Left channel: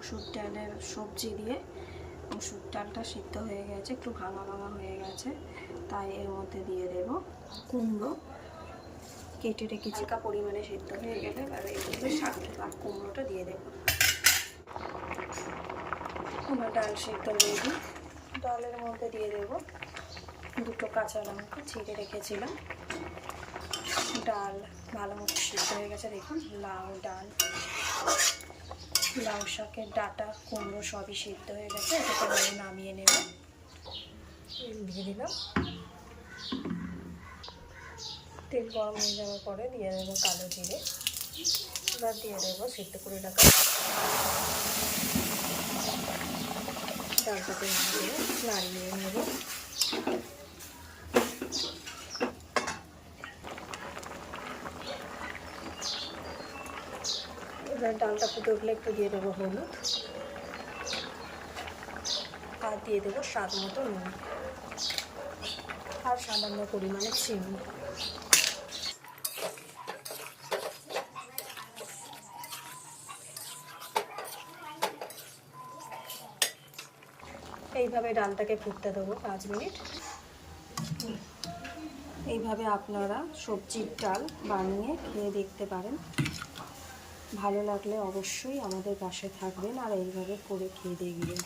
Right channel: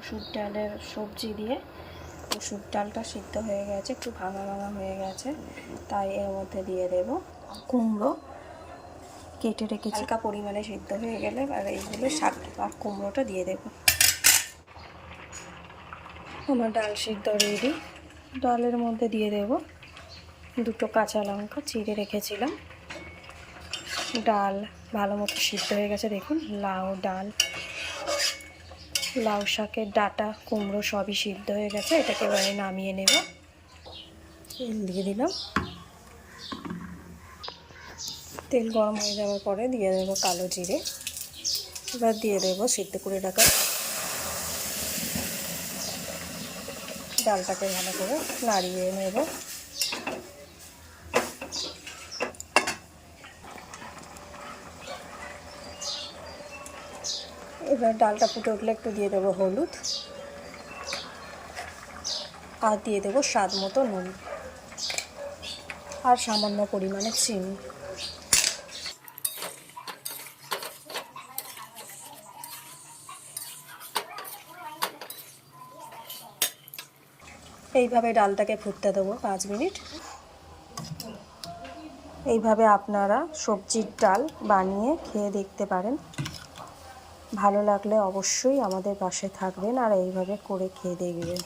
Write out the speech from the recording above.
মুসুর ডালের সবজি দিয়ে মুসুর ডালটা সিদ্ধ হয়ে গেছে, একটু ভাঙা ভাঙা হয়ে গেছে, তাই এর মধ্যে দিয়ে দেব কুমড়ো কেটে রেখেছি। হালকা পরিমাণে সিদ্ধ হয়ে গেলে আর এইগুলো শাক আর কুমড়োটা দিয়ে দেব। আমার ডাল সিদ্ধ রেডি। ডালের মধ্যে দিয়ে দেব দুটো কাঁচা লঙ্কা চিড়ে রেখেছিলাম। ডাল ভালো মতো সিদ্ধ হয়ে গেছে, দেখুন লাউ ডাল, লাউ শাকের ডাঁটা, কুমড়ো সবই সিদ্ধ হয়ে গেছে। এটাকে এবারে নামিয়ে নেব। তেল দিয়ে দিলাম। তেল গরম হয়ে যাওয়ার পরে দিয়ে দেবো কালো জিরে। এবার দিয়ে দেবো সিদ্ধ করে রাখা ডালটাকে ভালো করে নাড়িয়ে নেব। এবার ডালটা ফুটে উঠলে একটু দিয়ে দেবো হলুদ আর দিয়ে দেবো স্বাদ মতো নুন আর সামান্য পরিমাণে চিনি। এইভাবে ডালটাকে ফুটতে দেবো 5 মিনিট। এইভাবে আপনারা সবজির ডাল বানিয়ে খেয়ে দেখতে পারেন। ভালো লাগলে অবশ্যই আমাদের পাশে থাকবেন আর এইভাবে করে খেয়ে দেখবেন।